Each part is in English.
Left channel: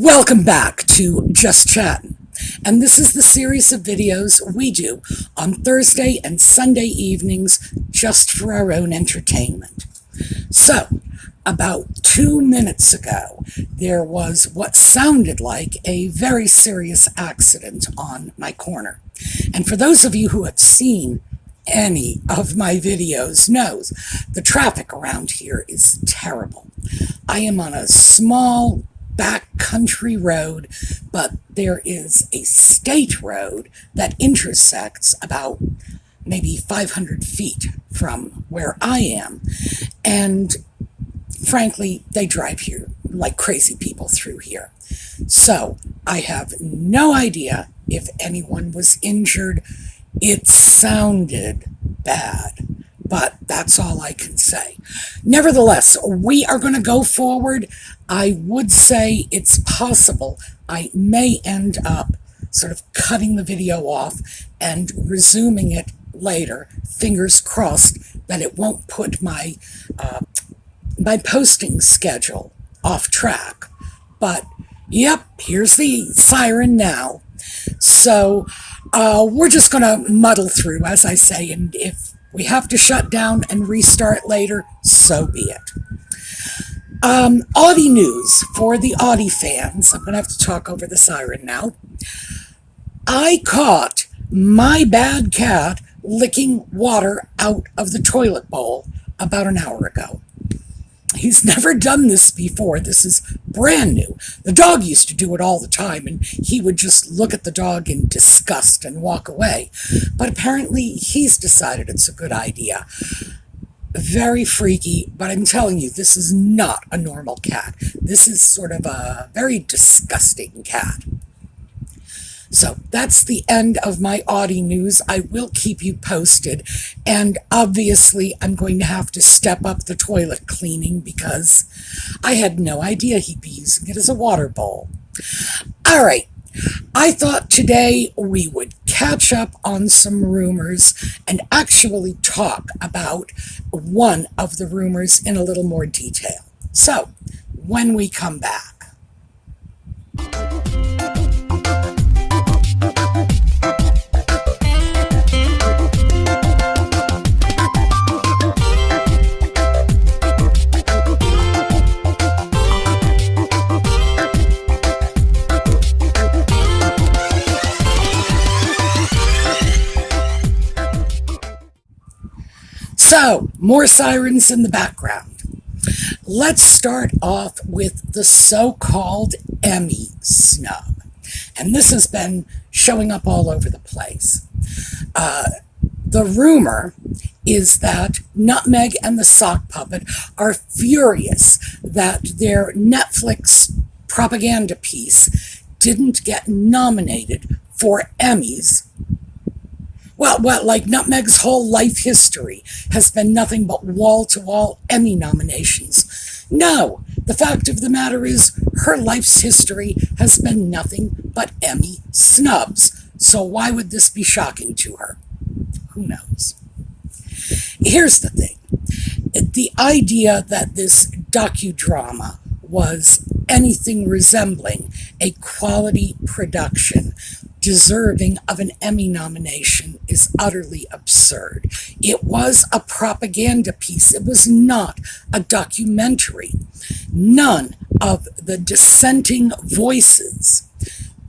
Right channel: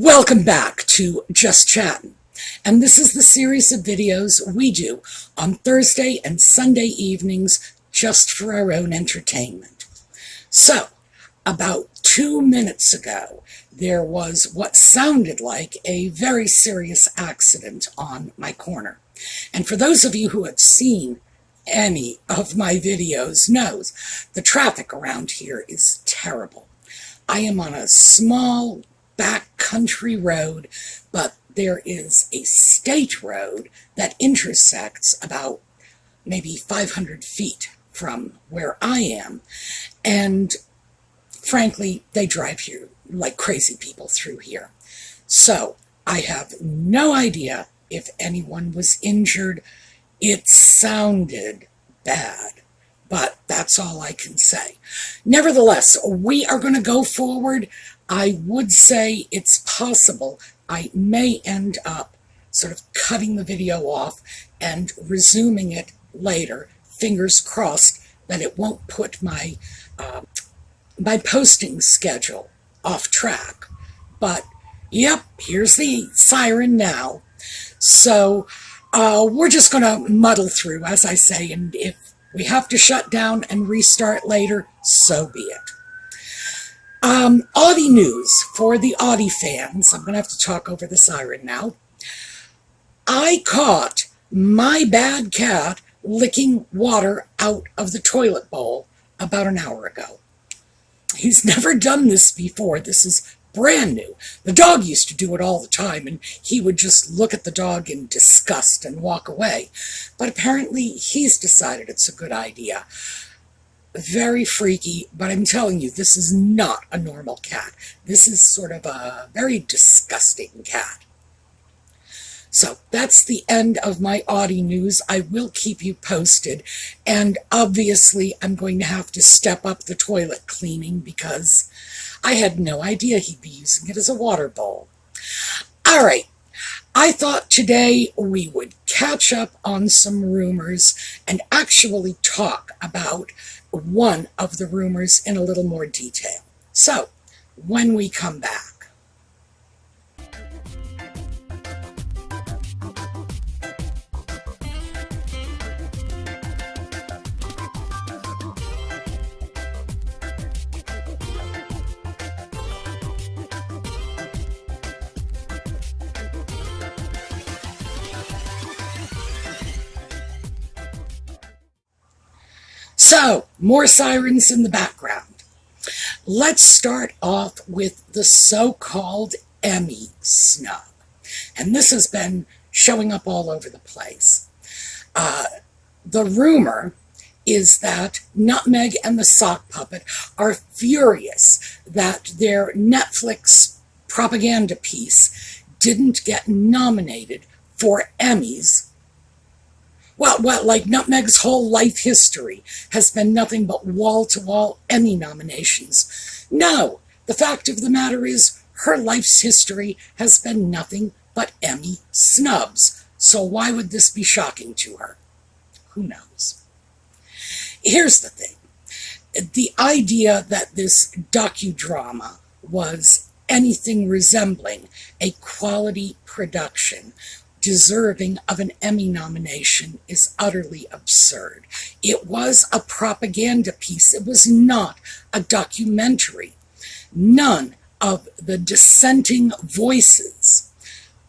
Welcome back to Just Chattin', and this is the series of videos we do on Thursday and Sunday evenings just for our own entertainment. So, about 2 minutes ago, there was what sounded like a very serious accident on my corner. And for those of you who have seen any of my videos knows the traffic around here is terrible. I am on a small back country road, but there is a state road that intersects about maybe 500 feet from where I am. And frankly, they drive here like crazy people through here. So I have no idea if anyone was injured. It sounded bad, but that's all I can say. Nevertheless, we are going to go forward. I would say it's possible I may end up sort of cutting the video off and resuming it later. Fingers crossed that it won't put my posting schedule off track. But yep, here's the siren now. So we're just going to muddle through, as I say, and if we have to shut down and restart later, so be it. Audie news for the Audie fans. I'm going to have to talk over the siren now. I caught my bad cat licking water out of the toilet bowl about an hour ago. He's never done this before. This is brand new. The dog used to do it all the time, and he would just look at the dog in disgust and walk away. But apparently he's decided it's a good idea. Very freaky, but I'm telling you, this is not a normal cat. This is sort of a very disgusting cat. So that's the end of my Audie news. I will keep you posted, and obviously I'm going to have to step up the toilet cleaning because I had no idea he'd be using it as a water bowl. All right. I thought today we would catch up on some rumors and actually talk about one of the rumors in a little more detail. So, when we come back. So, more sirens in the background. Let's start off with the so-called Emmy snub. And this has been showing up all over the place. The rumor is that Nutmeg and the Sock Puppet are furious that their Netflix propaganda piece didn't get nominated for Emmys. Well, like Nutmeg's whole life history has been nothing but wall-to-wall Emmy nominations. No, the fact of the matter is her life's history has been nothing but Emmy snubs. So why would this be shocking to her? Who knows? Here's the thing. The idea that this docudrama was anything resembling a quality production deserving of an Emmy nomination is utterly absurd. It was a propaganda piece. It was not a documentary. None of the dissenting voices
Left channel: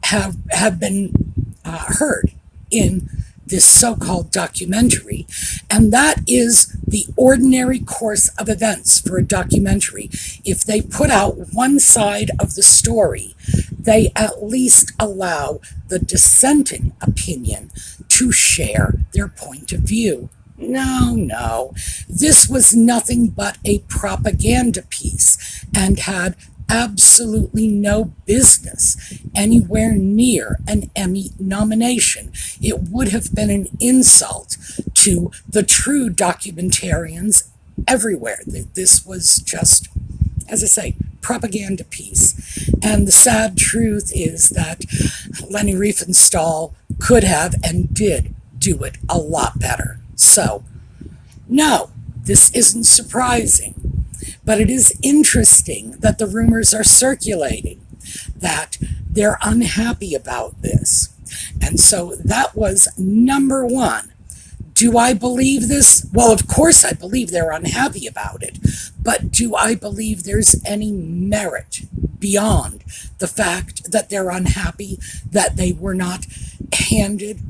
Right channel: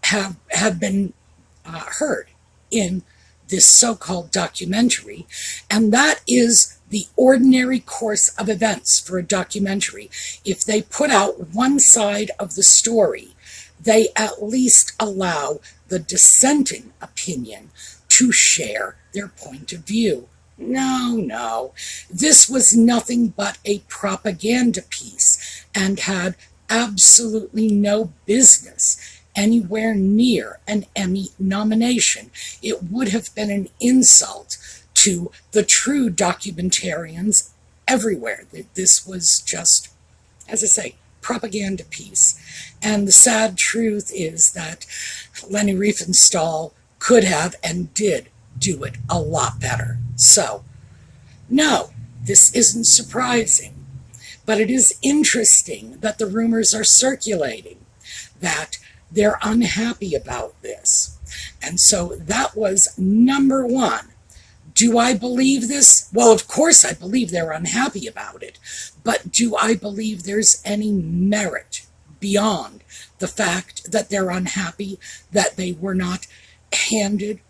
have been heard in this so-called documentary, and that is the ordinary course of events for a documentary. If they put out one side of the story, they at least allow the dissenting opinion to share their point of view. No. This was nothing but a propaganda piece and had absolutely no business anywhere near an Emmy nomination. It would have been an insult to the true documentarians everywhere. This was just, as I say, propaganda piece. And the sad truth is that Leni Riefenstahl could have and did do it a lot better. So, no, this isn't surprising. But it is interesting that the rumors are circulating. that they're unhappy about this. And so that was number one. Do I believe this? Well, of course I believe they're unhappy about it. But do I believe there's any merit beyond the fact that they're unhappy, that they were not handed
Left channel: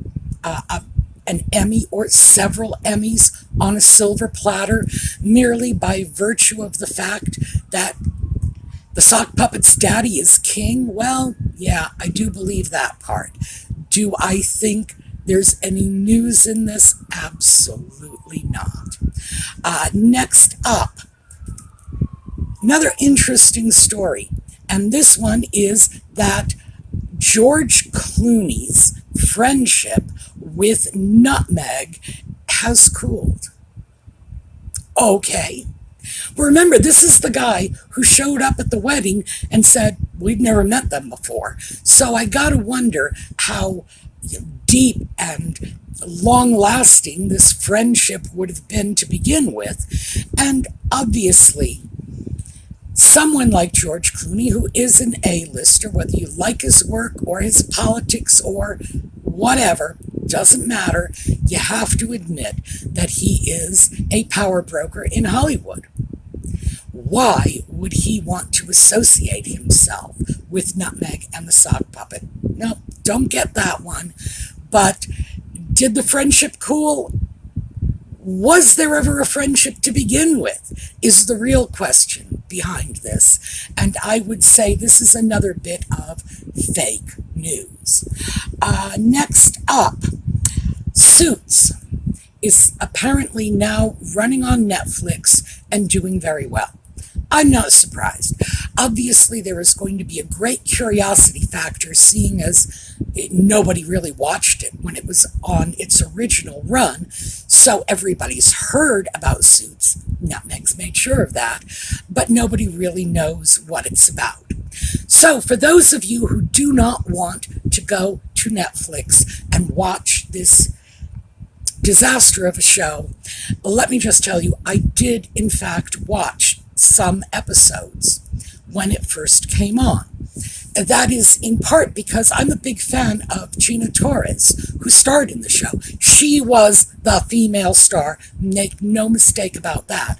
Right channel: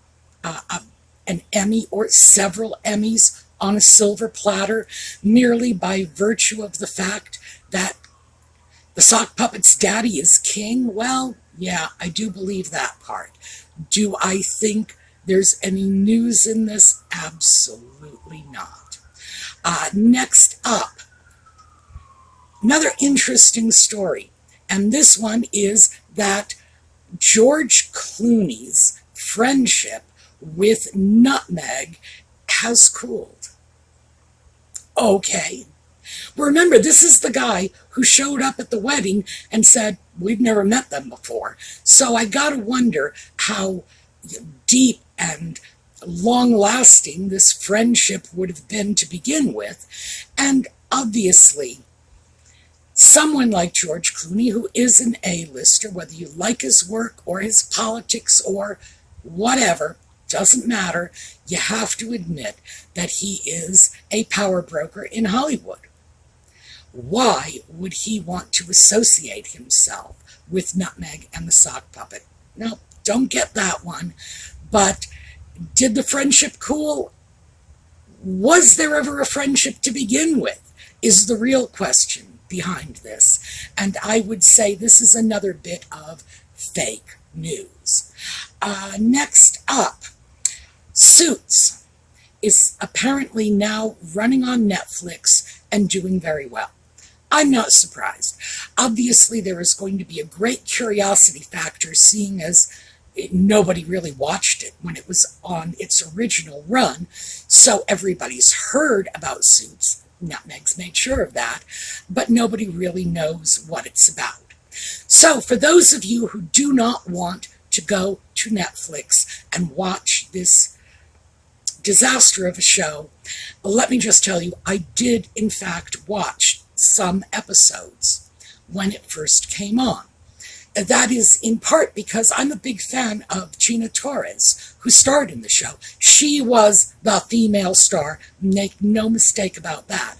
an Emmy or several Emmys on a silver platter merely by virtue of the fact that the sock puppet's daddy is king? Well, yeah, I do believe that part. Do I think there's any news in this? Absolutely not. Next up, another interesting story. And this one is that George Clooney's friendship with Nutmeg has cooled. Okay. Remember, this is the guy who showed up at the wedding and said, we've never met them before. So I gotta wonder how deep and long-lasting this friendship would have been to begin with. And obviously, someone like George Clooney, who is an A-lister, whether you like his work or his politics or whatever, doesn't matter, you have to admit that he is a power broker in Hollywood. Why would he want to associate himself with Nutmeg and the sock puppet? No, don't get that one. But did the friendship cool? Was there ever a friendship to begin with? Is the real question behind this. And I would say this is another bit of fake news. Next up, Suits is apparently now running on Netflix and doing very well. I'm not surprised. Obviously, there is going to be a great curiosity factor, seeing as nobody really watched it when it was on its original run. So everybody's heard about Suits. Nutmeg's made sure of that. But nobody really knows what it's about. So for those of you who do not want to go to Netflix and watch this disaster of a show, let me just tell you, I did in fact watch some episodes when it first came on. And that is in part because I'm a big fan of Gina Torres, who starred in the show. She was the female star, make no mistake about that.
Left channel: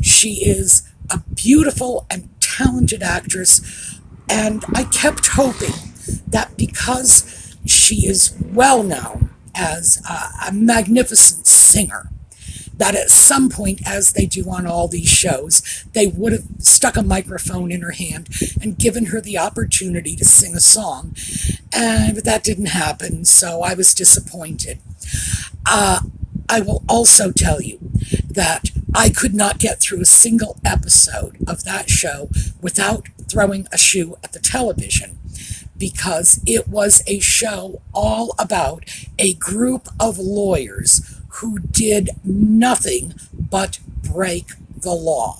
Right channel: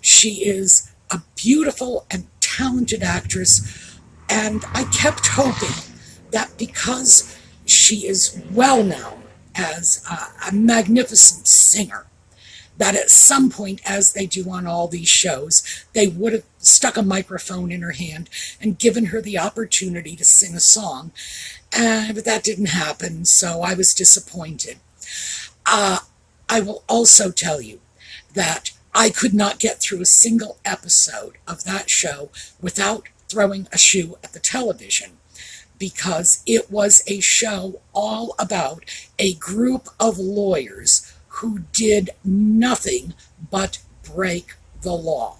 She is a beautiful and talented actress, and I kept hoping that because she is well known as a magnificent singer, that at some point, as they do on all these shows, they would have stuck a microphone in her hand and given her the opportunity to sing a song. But that didn't happen, so I was disappointed. I will also tell you that I could not get through a single episode of that show without throwing a shoe at the television, because it was a show all about a group of lawyers who did nothing but break the law.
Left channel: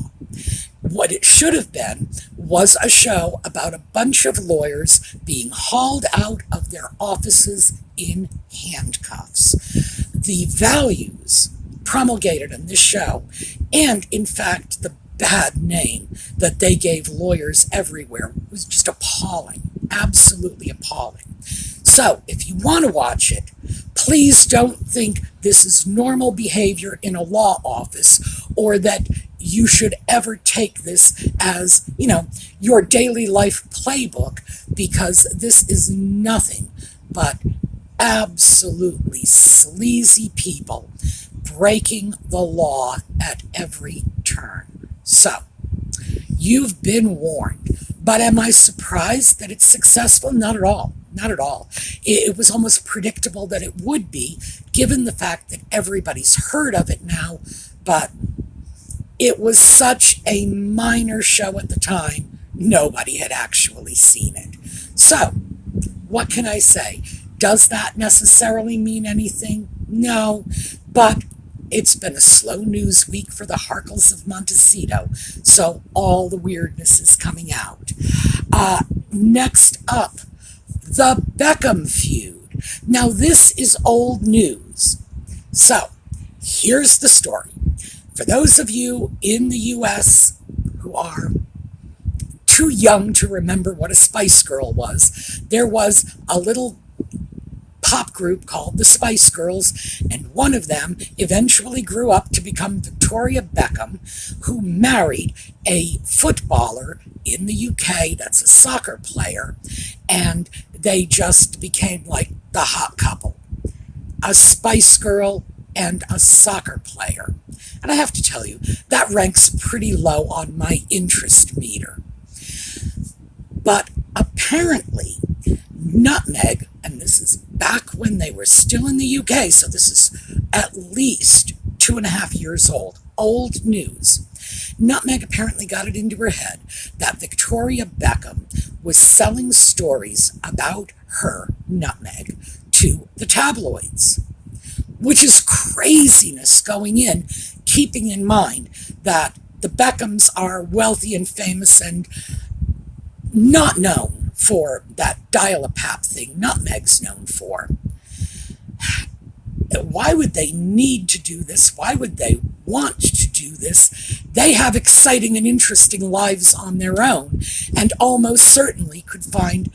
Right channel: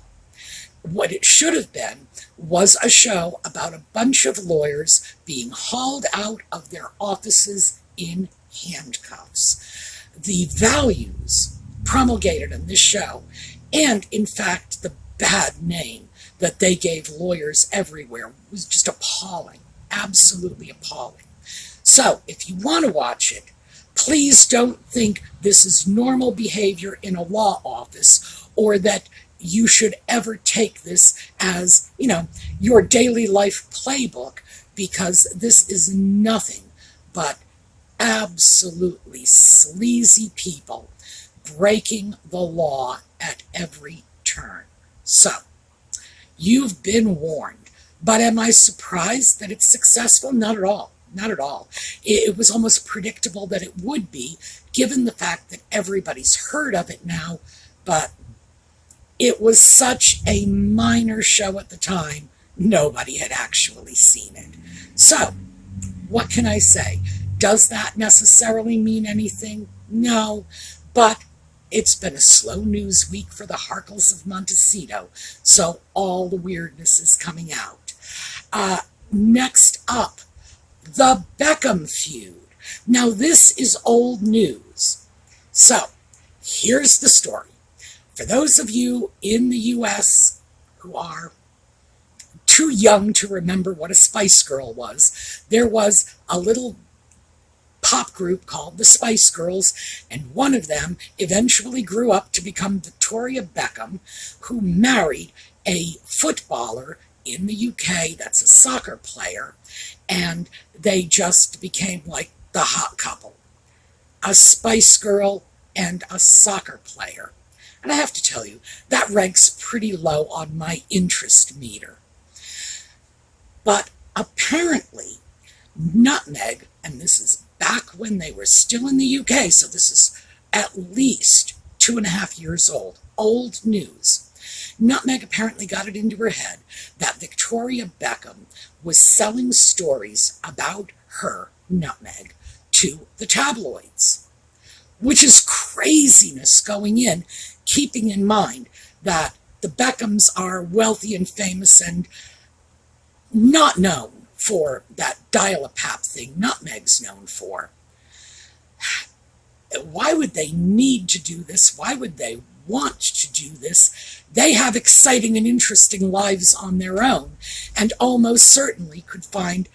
What it should have been was a show about a bunch of lawyers being hauled out of their offices in handcuffs. The values promulgated in this show, and in fact the bad name that they gave lawyers everywhere, was just appalling, absolutely appalling. So if you want to watch it, please don't think this is normal behavior in a law office, or that you should ever take this as, your daily life playbook, because this is nothing but absolutely sleazy people breaking the law at every turn. So, you've been warned. But am I surprised that it's successful? Not at all. Not at all. It was almost predictable that it would be, given the fact that everybody's heard of it now, but it was such a minor show at the time, nobody had actually seen it. So, what can I say? Does that necessarily mean anything? No, but it's been a slow news week for the Harkles of Montecito, so all the weirdness is coming out. Next up, the Beckham feud. Now, this is old news. So, here's the story. For those of you in the U.S. who are too young to remember what a Spice Girl was. There was a little pop group called the Spice Girls, and one of them eventually grew up to become Victoria Beckham, who married a footballer in the UK that's a soccer player, and they just became like the hot couple. A Spice Girl and a soccer player. And I have to tell you, that ranks pretty low on my interest meter. But apparently, Nutmeg, and this is back when they were still in the UK, so this is at least 2.5 years old news. Nutmeg apparently got it into her head that Victoria Beckham was selling stories about her, Nutmeg, to the tabloids, which is craziness going in, keeping in mind that the Beckhams are wealthy and famous and not known for that dial-a-pap thing Nutmeg's known for. Why would they need to do this? Why would they want to do this? They have exciting and interesting lives on their own, and almost certainly could find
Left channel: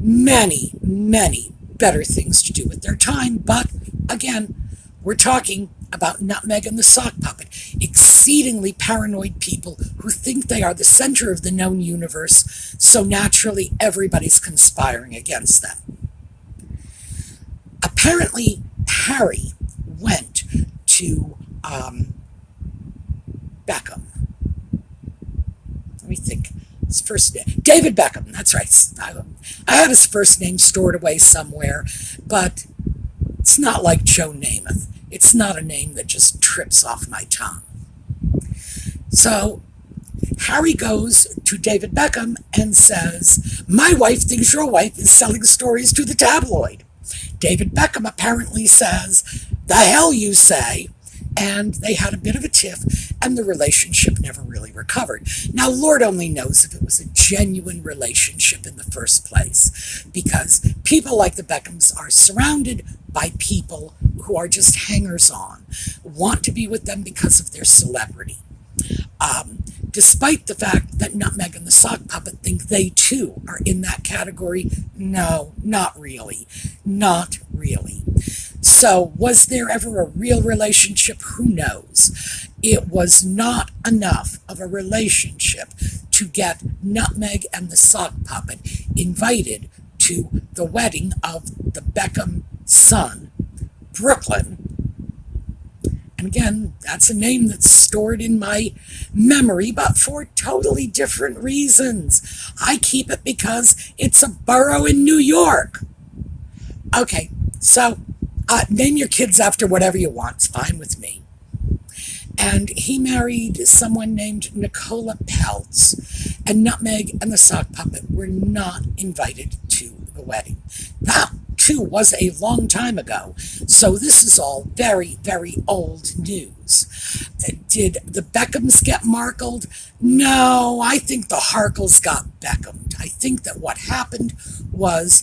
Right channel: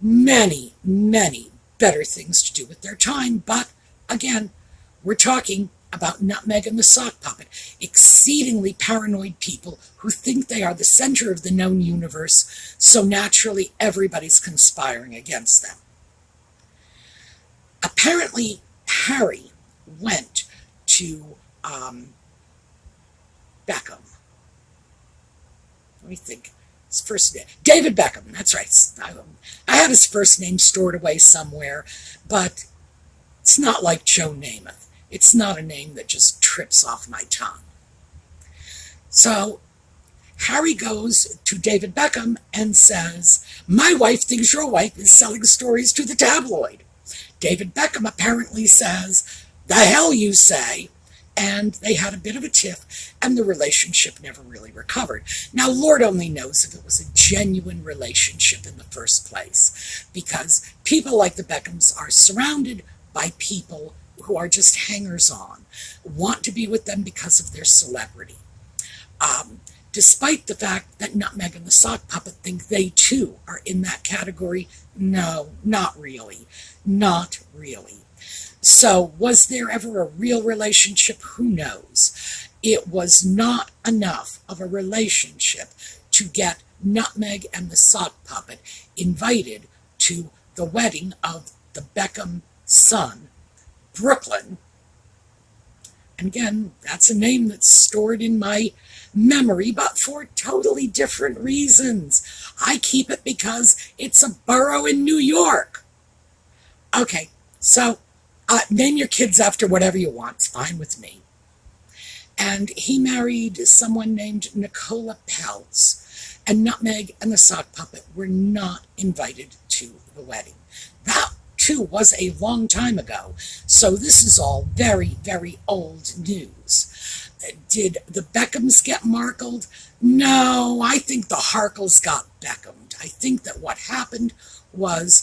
many, many better things to do with their time. But again, we're talking about Nutmeg and the Sock Puppet, exceedingly paranoid people who think they are the center of the known universe, so naturally everybody's conspiring against them. Apparently, Harry went to Beckham. Let me think. His first name, David Beckham, that's right. I had his first name stored away somewhere, but it's not like Joe Namath. It's not a name that just trips off my tongue. So Harry goes to David Beckham and says, "My wife thinks your wife is selling stories to the tabloid." David Beckham apparently says, "The hell you say?" And they had a bit of a tiff, and the relationship never really recovered. Now, Lord only knows if it was a genuine relationship in the first place, because people like the Beckhams are surrounded by people who are just hangers-on, want to be with them because of their celebrity. Despite the fact that Nutmeg and the Sock Puppet think they too are in that category, no, not really. Not really. So, was there ever a real relationship? Who knows? It was not enough of a relationship to get Nutmeg and the Sock Puppet invited to the wedding of the Beckham son, Brooklyn. And again, that's a name that's stored in my memory, but for totally different reasons. I keep it because it's a borough in New York. Okay, so name your kids after whatever you want. It's fine with me. And he married someone named Nicola Peltz, and Nutmeg and the Sock Puppet were not invited to the wedding. That too was a long time ago, so this is all very, very old news. Did the Beckhams get markled? No, I think the Harkles got Beckhamed. I think that what happened was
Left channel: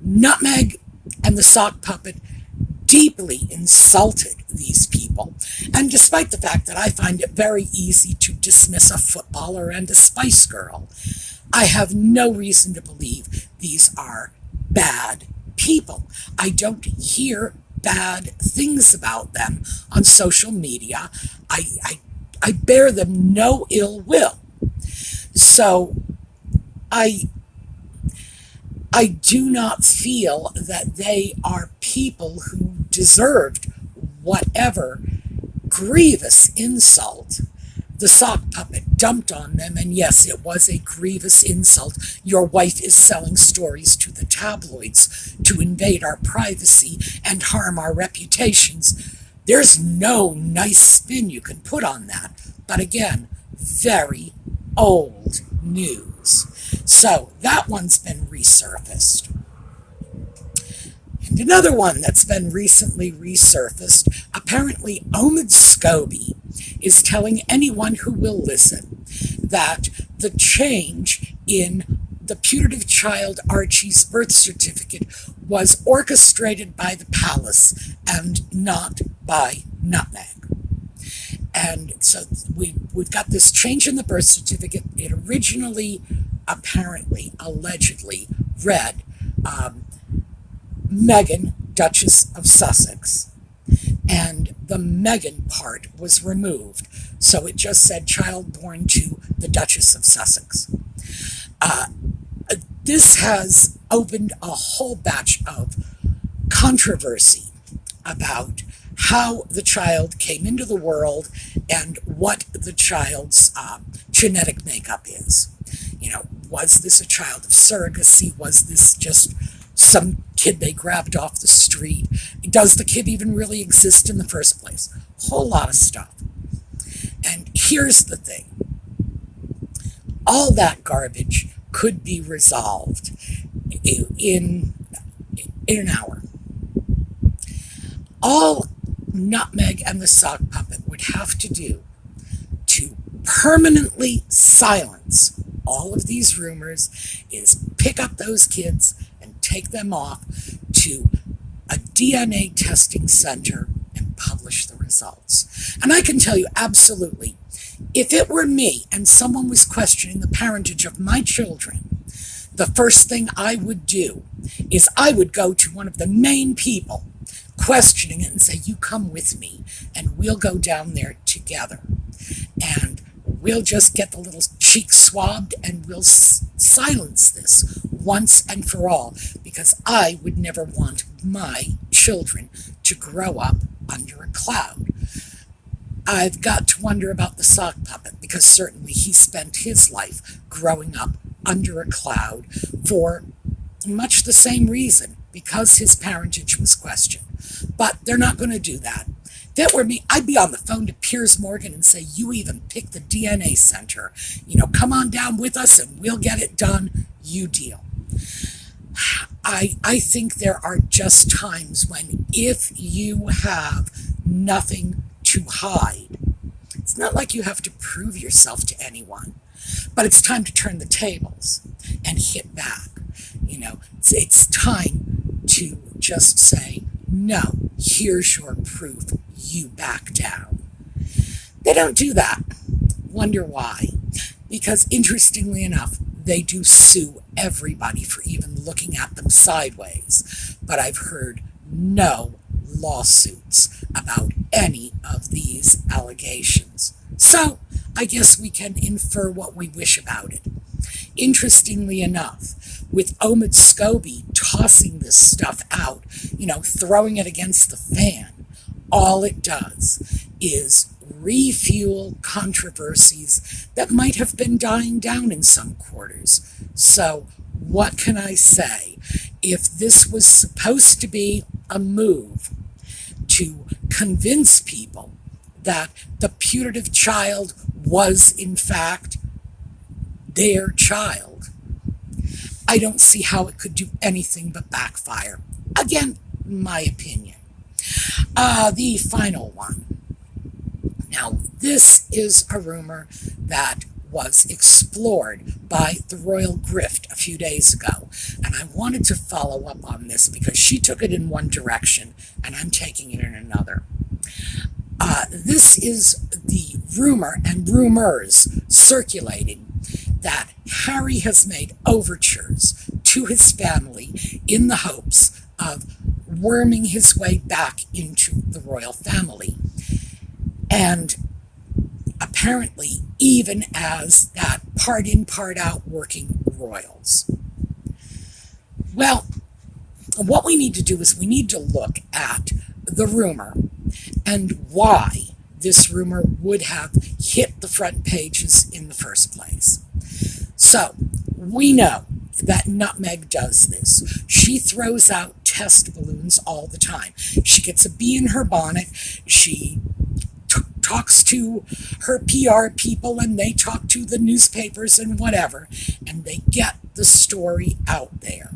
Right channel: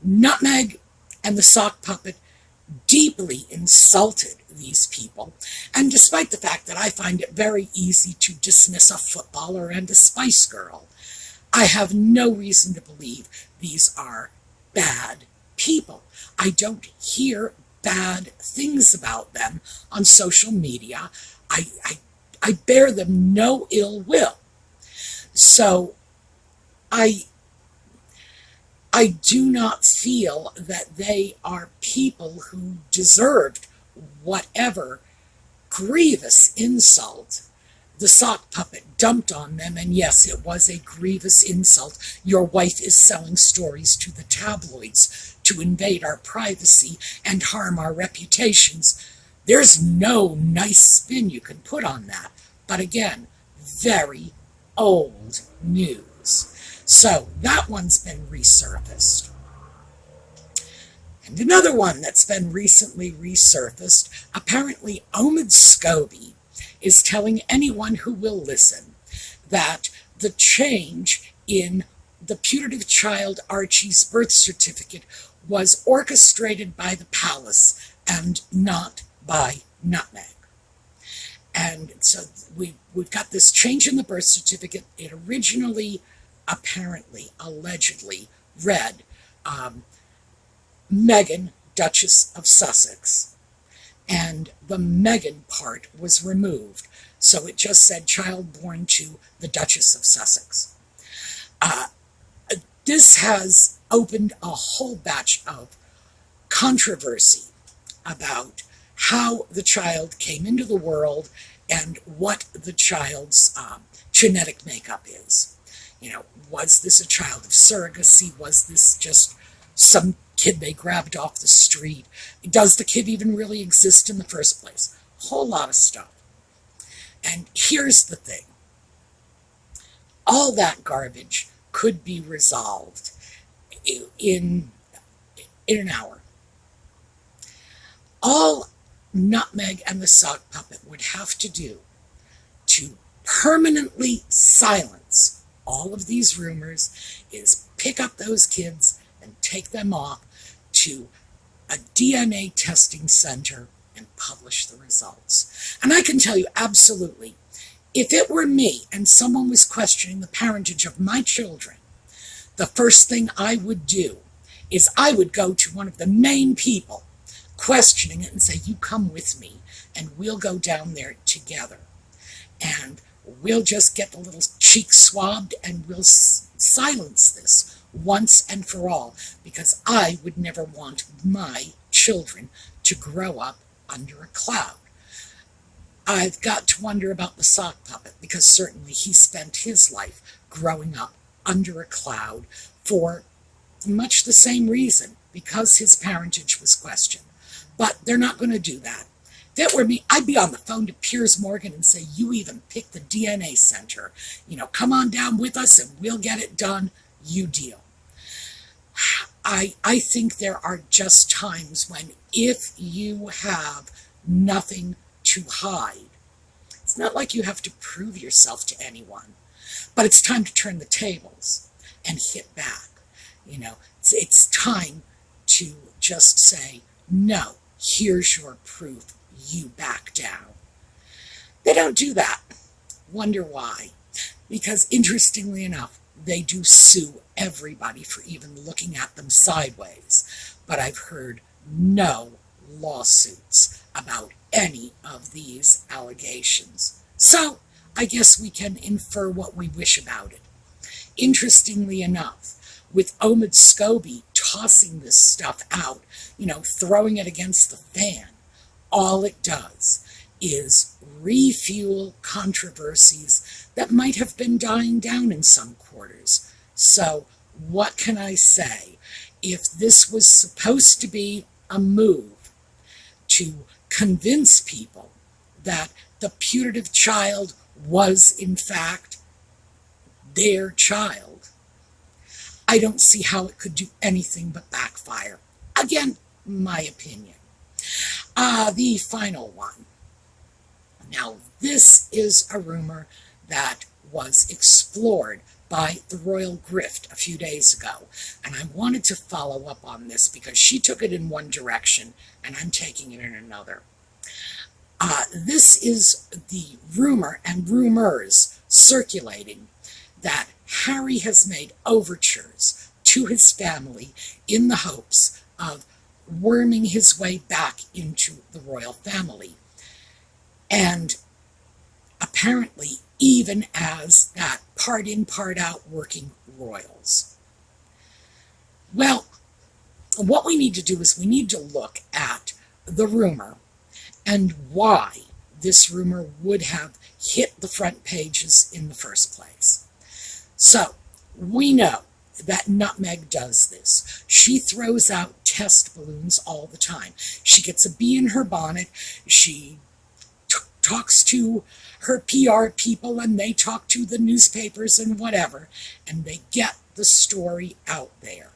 Nutmeg and the Sock Puppet deeply insulted these people, and despite the fact that I find it very easy to dismiss a footballer and a Spice Girl, I have no reason to believe these are bad people. I don't hear bad things about them on social media. I bear them no ill will. So I do not feel that they are people who deserved whatever grievous insult the Sock Puppet dumped on them. And yes, it was a grievous insult. Your wife is selling stories to the tabloids to invade our privacy and harm our reputations. There's no nice spin you can put on that. But again, very old news. So that one's been resurfaced. And another one that's been recently resurfaced, apparently Omid Scobie is telling anyone who will listen that the change in the putative child Archie's birth certificate was orchestrated by the palace and not by Nutmeg. And so we've got this change in the birth certificate. It originally, apparently, allegedly read Meghan, Duchess of Sussex, and the Meghan part was removed. So it just said child born to the Duchess of Sussex. This has opened a whole batch of controversy about how the child came into the world and what the child's genetic makeup is. Was this a child of surrogacy? Was this just some kid they grabbed off the street? Does the kid even really exist in the first place? A whole lot of stuff. And here's the thing. All that garbage could be resolved in an hour. All Nutmeg and the sock puppet would have to do to permanently silence all of these rumors is pick up those kids and take them off to a DNA testing center and publish the results. And I can tell you absolutely, if it were me and someone was questioning the parentage of my children, the first thing I would do is I would go to one of the main people questioning it and say, you come with me and we'll go down there together. And we'll just get the little cheek swabbed and we'll silence this once and for all, because I would never want my children to grow up under a cloud. I've got to wonder about the sock puppet, because certainly he spent his life growing up under a cloud for much the same reason, because his parentage was questioned. But they're not going to do that. If it were me, I'd be on the phone to Piers Morgan and say, you even pick the DNA center. Come on down with us and we'll get it done. You deal. I think there are just times when if you have nothing to hide, it's not like you have to prove yourself to anyone, but it's time to turn the tables and hit back. It's time to just say, no, here's your proof, you back down. They don't do that. Wonder why? Because interestingly enough, they do sue everybody for even looking at them sideways. But I've heard no lawsuits about any of these allegations. So I guess we can infer what we wish about it. Interestingly enough, with Omid Scobie tossing this stuff out, throwing it against the fan, all it does is refuel controversies that might have been dying down in some quarters. So what can I say? If this was supposed to be a move to convince people that the putative child was in fact their child, I don't see how it could do anything but backfire. Again, my opinion. The final one. Now, this is a rumor that was explored by the Royal Grift a few days ago, and I wanted to follow up on this because she took it in one direction and I'm taking it in another. This is the rumor and rumors circulating that Harry has made overtures to his family in the hopes of worming his way back into the royal family. And apparently even as that part in, part out working royals. Well, what we need to do is we need to look at the rumor and why this rumor would have hit the front pages in the first place. So, we know that Nutmeg does this. She throws out test balloons all the time. She gets a bee in her bonnet. She talks to her PR people and they talk to the newspapers and whatever, and they get the story out there.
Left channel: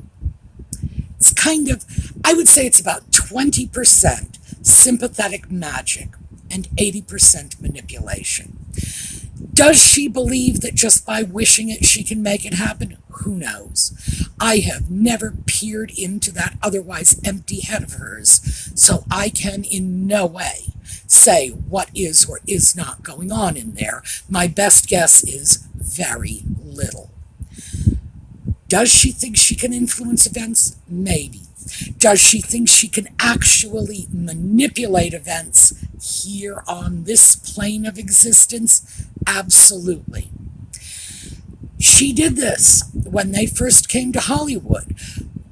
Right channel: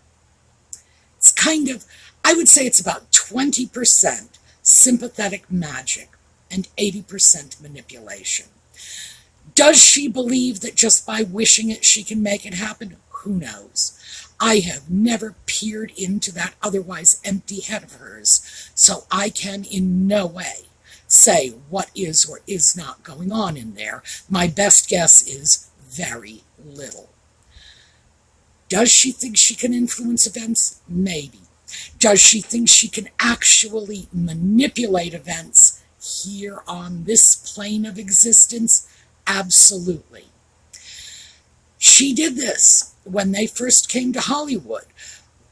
It's kind of, I would say it's about 20% sympathetic magic and 80% manipulation. Does she believe that just by wishing it she can make it happen? Who knows? I have never peered into that otherwise empty head of hers, so I can in no way say what is or is not going on in there. My best guess is very little. Does she think she can influence events? Maybe. Does she think she can actually manipulate events here on this plane of existence? Absolutely. She did this when they first came to Hollywood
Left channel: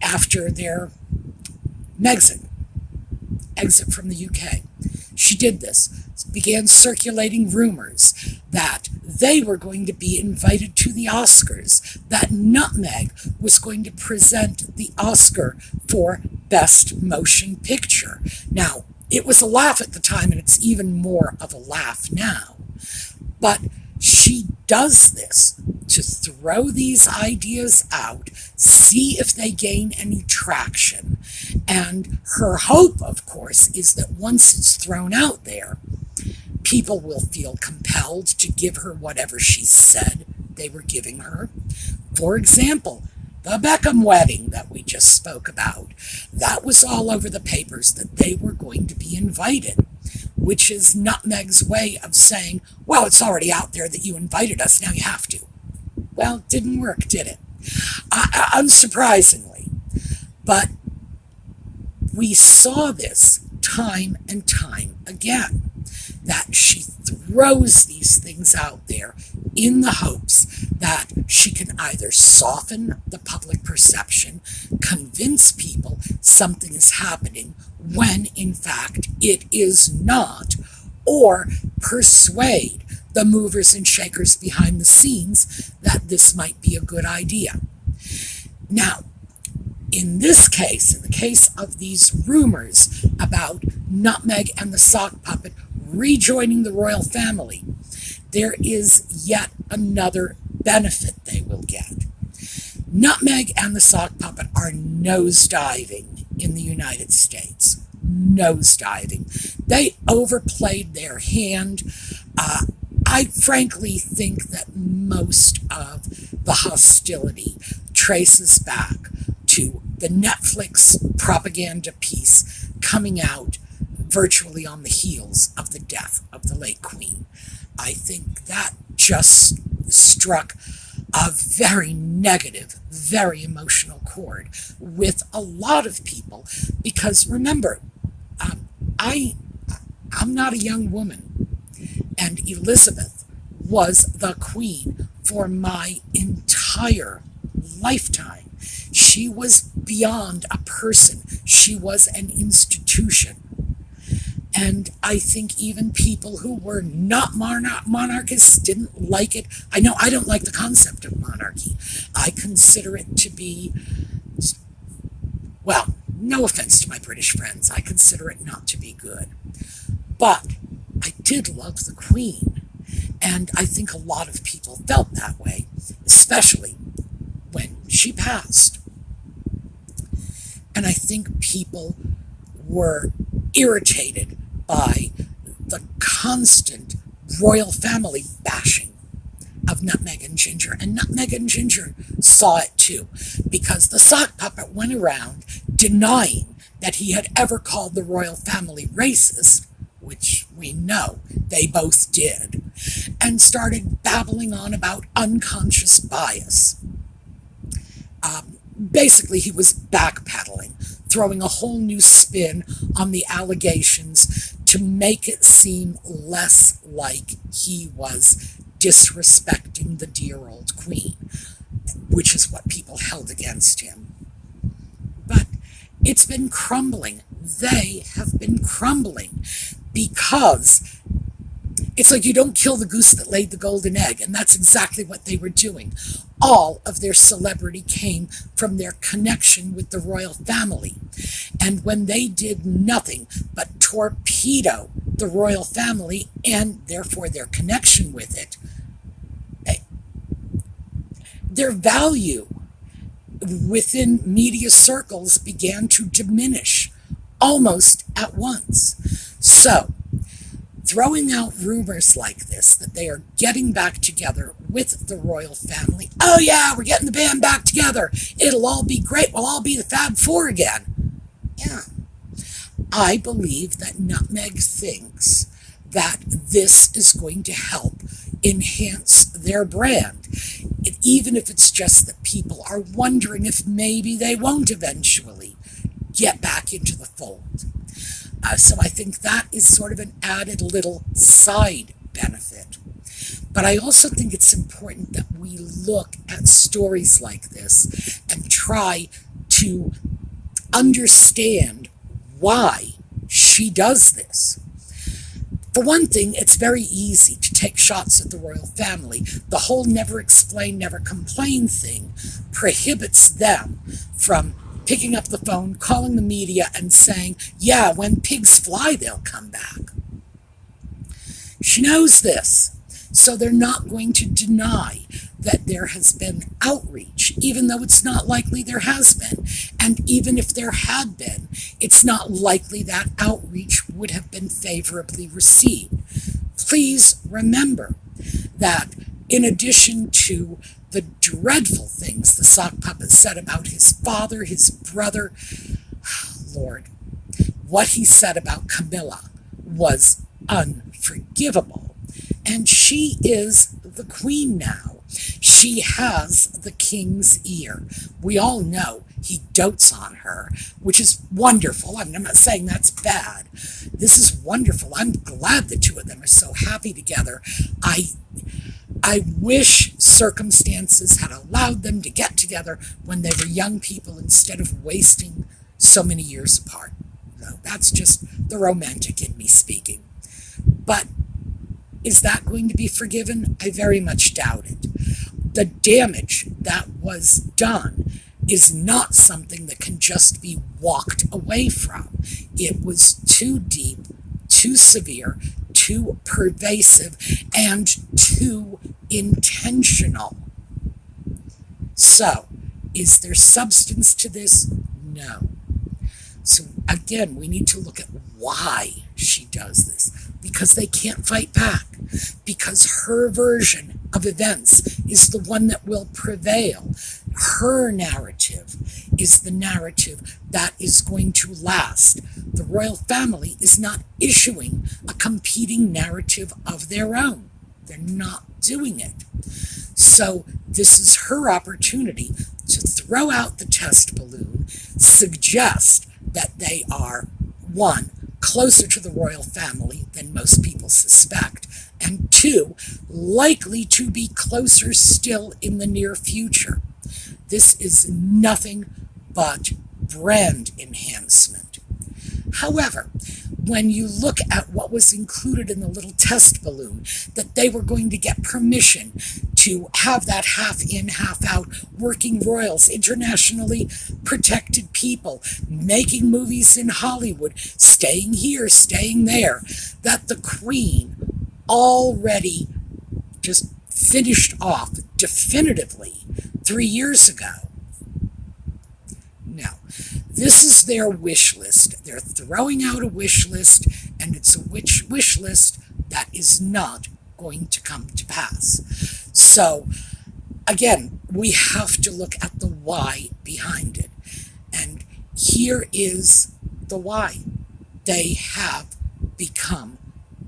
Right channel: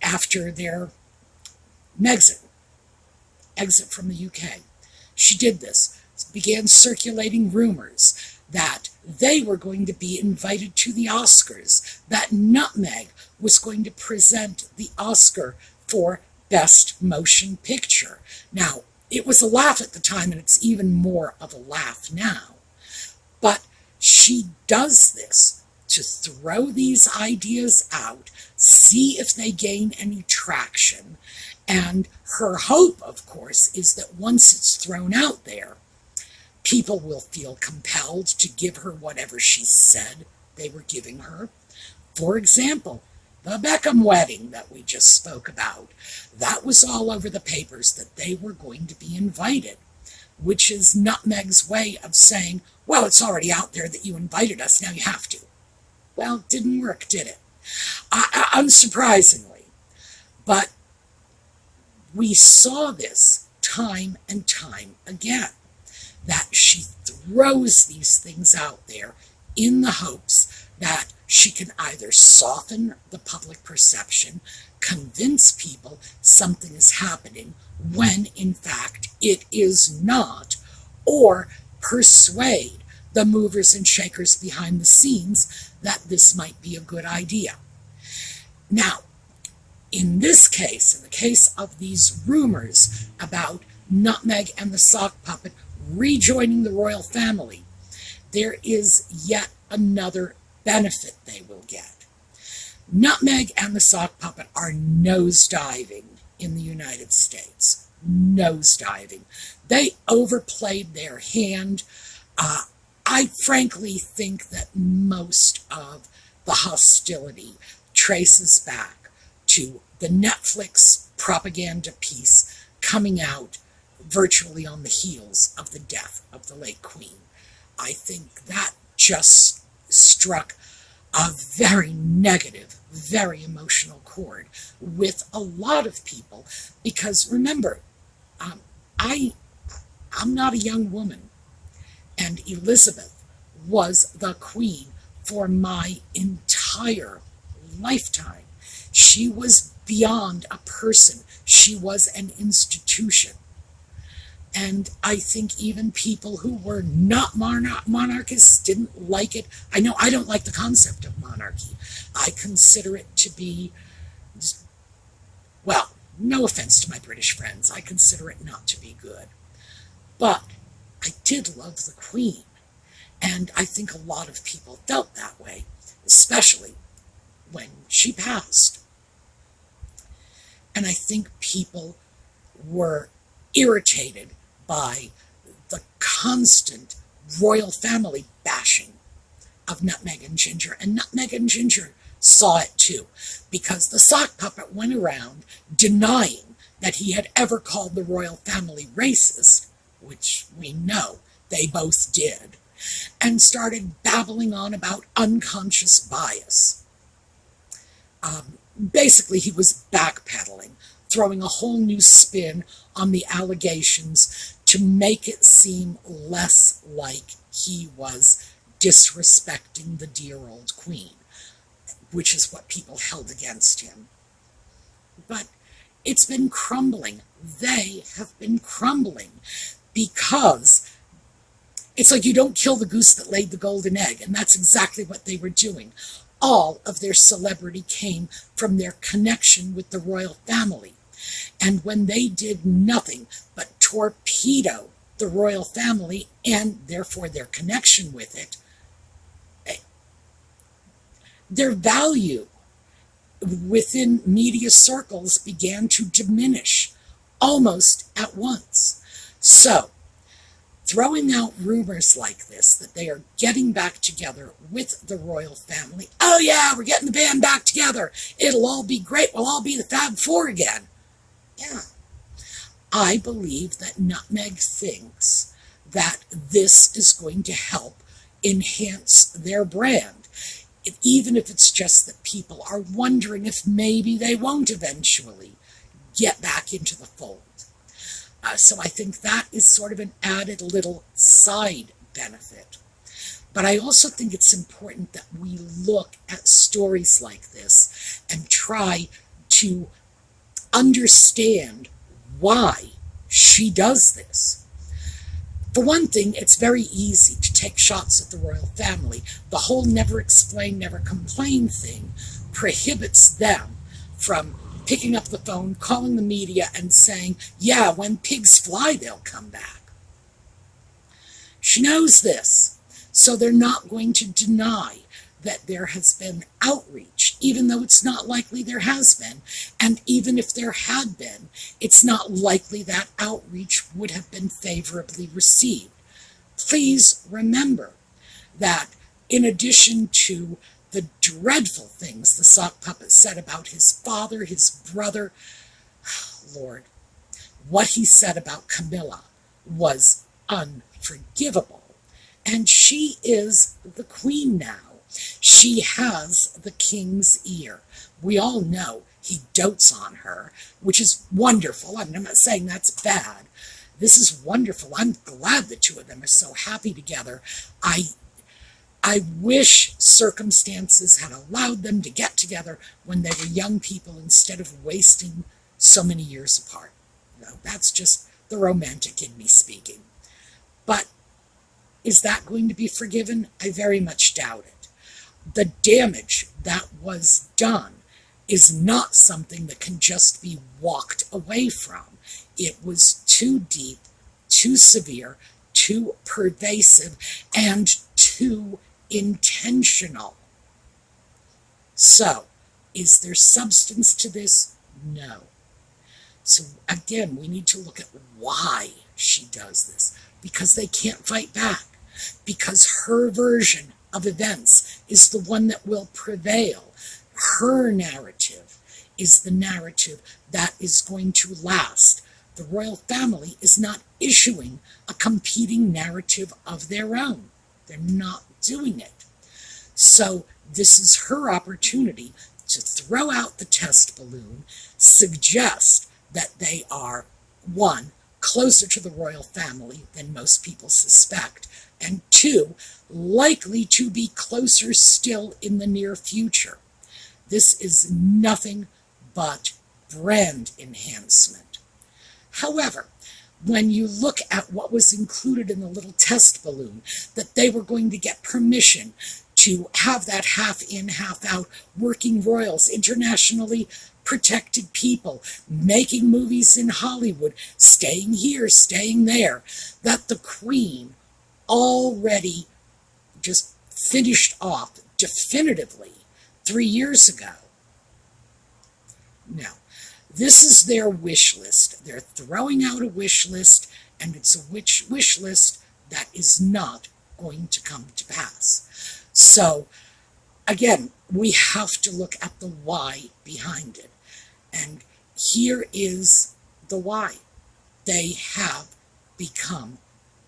after their Meghan exit from the UK. She did this, began circulating rumors that they were going to be invited to the Oscars, that Nutmeg was going to present the Oscar for Best Motion Picture. Now, it was a laugh at the time, and it's even more of a laugh now. But she does this to throw these ideas out, see if they gain any traction. And her hope, of course, is that once it's thrown out there, people will feel compelled to give her whatever she said they were giving her. For example, the Beckham wedding that we just spoke about, that was all over the papers that they were going to be invited, which is Nutmeg's way of saying, well, it's already out there that you invited us, now you have to. Well, it didn't work, did it? Unsurprisingly. But we saw this time and time again, that she throws these things out there in the hopes that she can either soften the public perception, convince people something is happening when in fact it is not, or persuade the movers and shakers behind the scenes that this might be a good idea. Now, in this case, in the case of these rumors about Nutmeg and the sock puppet rejoining the royal family, there is yet another benefit they will get. Nutmeg and the sock puppet are nosediving in the United States. Nosediving. They overplayed their hand. I frankly think that most of the hostility traces back to the Netflix propaganda piece coming out virtually on the heels of the death of the late Queen. I think that just struck a very negative, very emotional chord with a lot of people, because remember, I'm not a young woman, and Elizabeth was the Queen for my entire lifetime. She was beyond a person. She was an institution. And I think even people who were not monarchists didn't like it. I know I don't like the concept of monarchy. I consider it to be, well, no offense to my British friends, I consider it not to be good. But I did love the Queen. And I think a lot of people felt that way, especially when she passed. And I think people were irritated by the constant royal family bashing of Nutmeg and Ginger. And Nutmeg and Ginger saw it too, because the sock puppet went around denying that he had ever called the royal family racist, which we know they both did, and started babbling on about unconscious bias. Basically, he was backpedaling, throwing a whole new spin on the allegations to make it seem less like he was disrespecting the dear old Queen, which is what people held against him. But it's been crumbling. They have been crumbling because it's like you don't kill the goose that laid the golden egg, and that's exactly what they were doing. All of their celebrity came from their connection with the royal family. And when they did nothing but torpedo the royal family and therefore their connection with it, their value within media circles began to diminish almost at once. So, throwing out rumors like this, that they are getting back together with the royal family. Oh yeah, we're getting the band back together. It'll all be great. We'll all be the Fab Four again. Yeah. I believe that Nutmeg thinks that this is going to help enhance their brand, even if it's just that people are wondering if maybe they won't eventually get back into the fold. So I think that is sort of an added little side benefit. But I also think it's important that we look at stories like this and try to understand why she does this. For one thing, it's very easy to take shots at the royal family. The whole never explain, never complain thing prohibits them from picking up the phone, calling the media, and saying, yeah, when pigs fly, they'll come back. She knows this, so they're not going to deny that there has been outreach, even though it's not likely there has been. And even if there had been, it's not likely that outreach would have been favorably received. Please remember that in addition to the dreadful things the sock puppet said about his father, his brother, Lord, what he said about Camilla was unforgivable. And she is the queen now. She has the king's ear. We all know he dotes on her, which is wonderful. I'm not saying that's bad. This is wonderful. I'm glad the two of them are so happy together. I wish circumstances had allowed them to get together when they were young people instead of wasting so many years apart. No, that's just the romantic in me speaking. But is that going to be forgiven? I very much doubt it. The damage that was done is not something that can just be walked away from. It was too deep, too severe, too pervasive, and too intentional. So, is there substance to this? No. So again, we need to look at why she does this. Because they can't fight back. Because her version of events is the one that will prevail. Her narrative is the narrative that is going to last. The royal family is not issuing a competing narrative of their own. They're not doing it. So this is her opportunity to throw out the test balloon, suggest that they are, one, closer to the royal family than most people suspect, and two, likely to be closer still in the near future. This is nothing but brand enhancement. However, when you look at what was included in the little test balloon, that they were going to get permission to have that half in, half out, working royals, internationally protected people, making movies in Hollywood, staying here, staying there, that the Queen already just finished off definitively 3 years ago. Now, this is their wish list. They're throwing out a wish list, and it's a wish list that is not going to come to pass. So, again, we have to look at the why behind it. And here is the why. They have become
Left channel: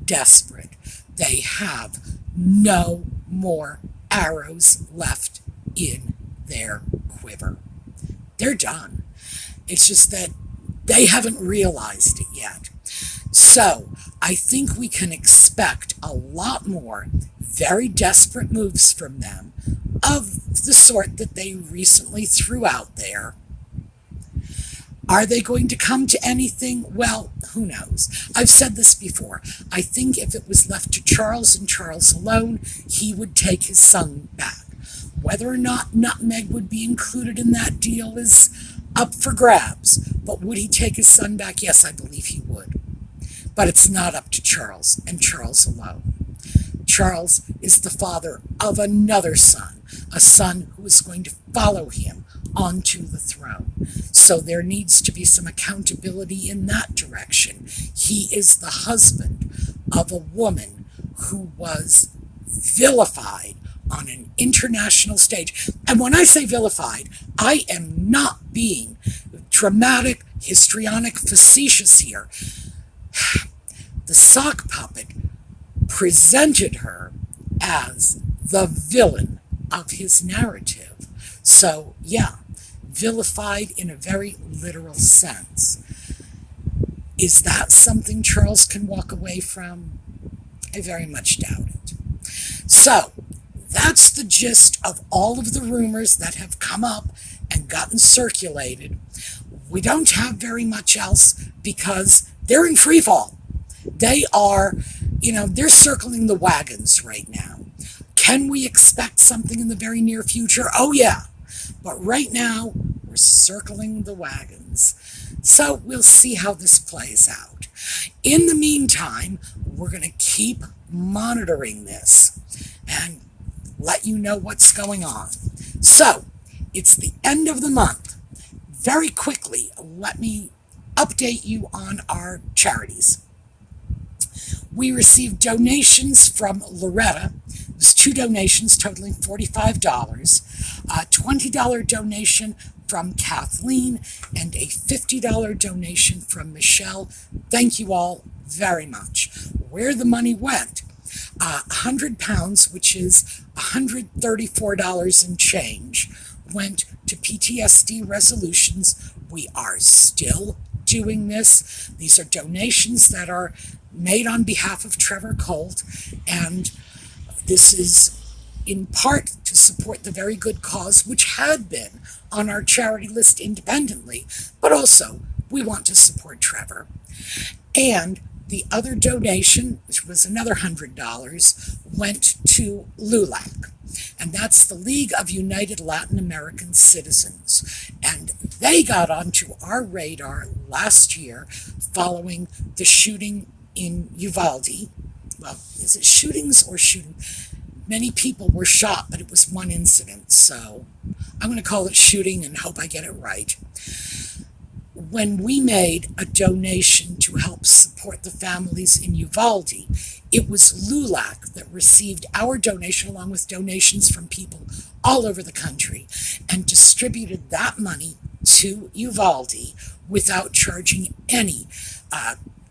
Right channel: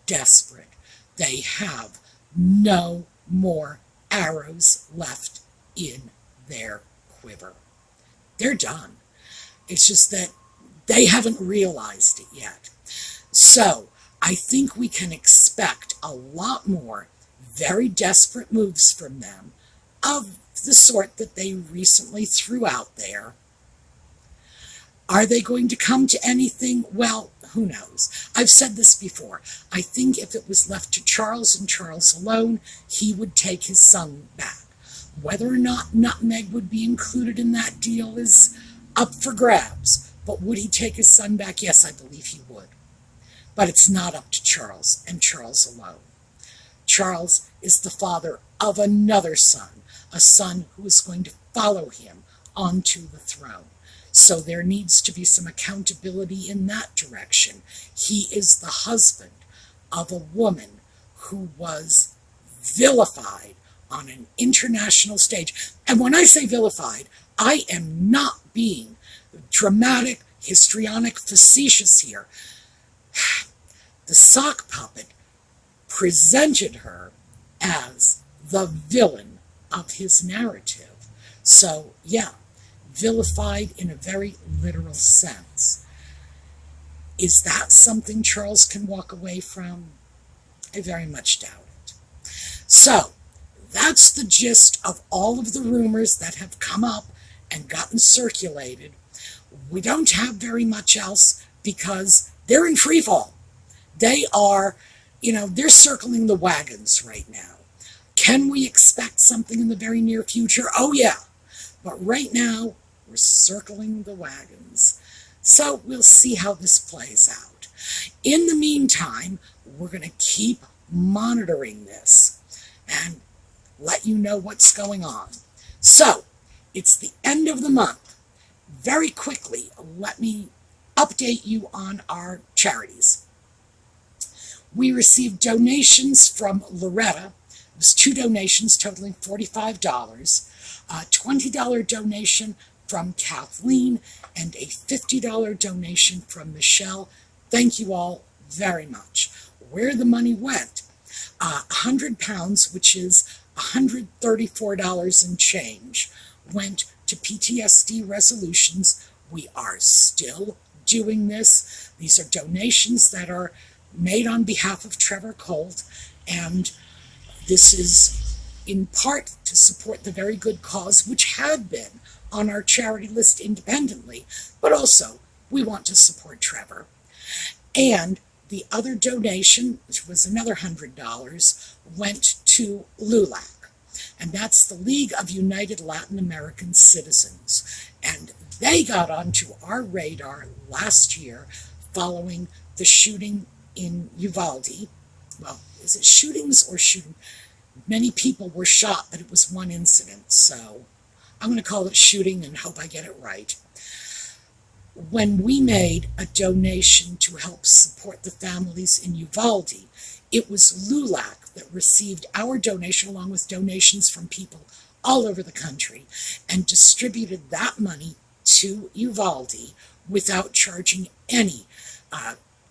desperate. They have no more arrows left in their quiver. They're done. It's just that they haven't realized it yet. So I think we can expect a lot more very desperate moves from them of the sort that they recently threw out there. Are they going to come to anything? Well, who knows? I've said this before. I think if it was left to Charles and Charles alone, he would take his son back. Whether or not Nutmeg would be included in that deal is up for grabs. But would he take his son back? Yes, I believe he would. But it's not up to Charles and Charles alone. Charles is the father of another son, a son who is going to follow him onto the throne. So there needs to be some accountability in that direction. He is the husband of a woman who was vilified on an international stage. And when I say vilified, I am not being dramatic, histrionic facetious here. The sock puppet presented her as the villain of his narrative. So, yeah, vilified in a very literal sense. Is that something Charles can walk away from? I very much doubt it. So, that's the gist of all of the rumors that have come up and gotten circulated. We don't have very much else because they're in free fall. They are, they're circling the wagons right now. Can we expect something in the very near future? Oh, yeah. But right now, we're circling the wagons. So we'll see how this plays out. In the meantime, we're going to keep monitoring this and let you know what's going on. So, it's the end of the month. Very quickly, let me update you on our charities. We received donations from Loretta. It was 2 donations totaling $45, a $20 donation from Kathleen, and a $50 donation from Michelle. Thank you all very much. Where the money went, £100, which is $134 and change, went to PTSD resolutions. We are still doing this. These are donations that are made on behalf of Trevor Colt, and this is in part to support the very good cause which had been on our charity list independently, but also we want to support Trevor. And the other donation, which was another $100, went to LULAC, and that's the League of United Latin American Citizens. And they got onto our radar last year following the shooting in Uvalde. Well, is it shootings or shooting? Many people were shot, but it was one incident, so I'm going to call it shooting and hope I get it right. When we made a donation to help support the families in Uvalde, it was LULAC that received our donation along with donations from people all over the country and distributed that money to Uvalde without charging any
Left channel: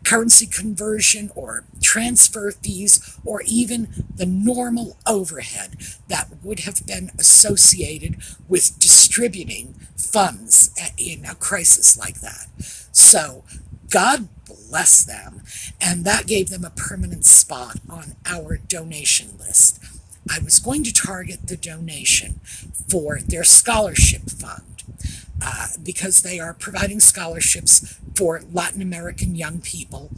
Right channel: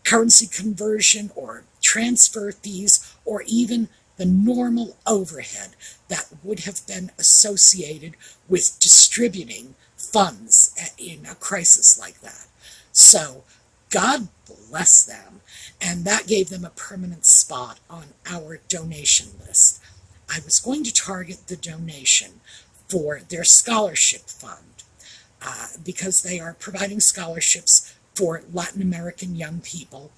currency conversion or transfer fees or even the normal overhead that would have been associated with distributing funds in a crisis like that. So God bless them, and that gave them a permanent spot on our donation list. I was going to target the donation for their scholarship fund because they are providing scholarships for Latin American young people,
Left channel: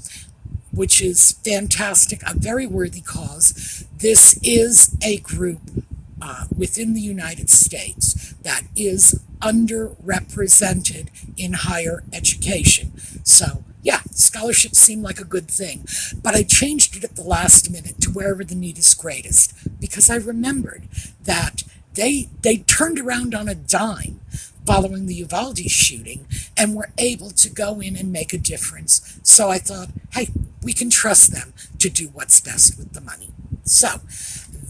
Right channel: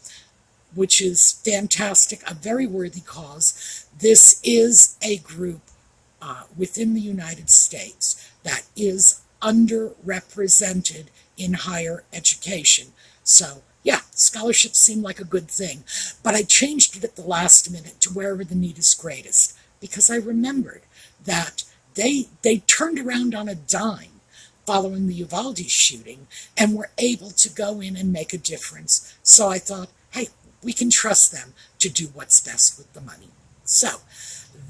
which is fantastic, a very worthy cause. This is a group within the United States that is underrepresented in higher education. So, yeah, scholarships seem like a good thing. But I changed it at the last minute to wherever the need is greatest because I remembered that they turned around on a dime following the Uvalde shooting and were able to go in and make a difference. So I thought, hey, we can trust them to do what's best with the money. So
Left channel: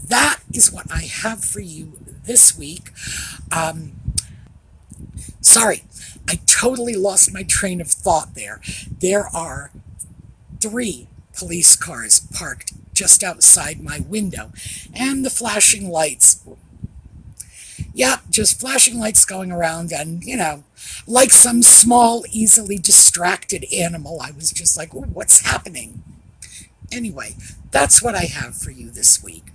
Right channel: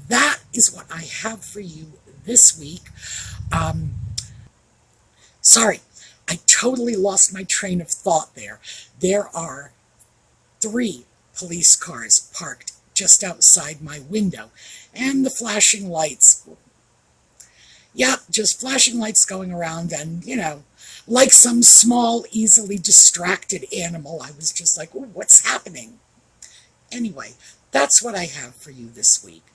that is what I have for you this week. Sorry, I totally lost my train of thought there. There are 3 police cars parked just outside my window, and the flashing lights, just flashing lights going around, and, like some small, easily distracted animal, I was just like, what's happening? Anyway, that's what I have for you this week.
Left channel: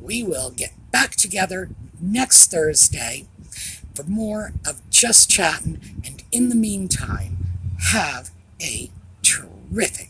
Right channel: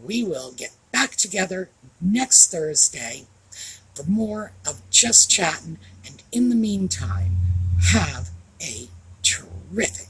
We will get back together next Thursday for more of Just Chattin', and in the meantime, have a terrific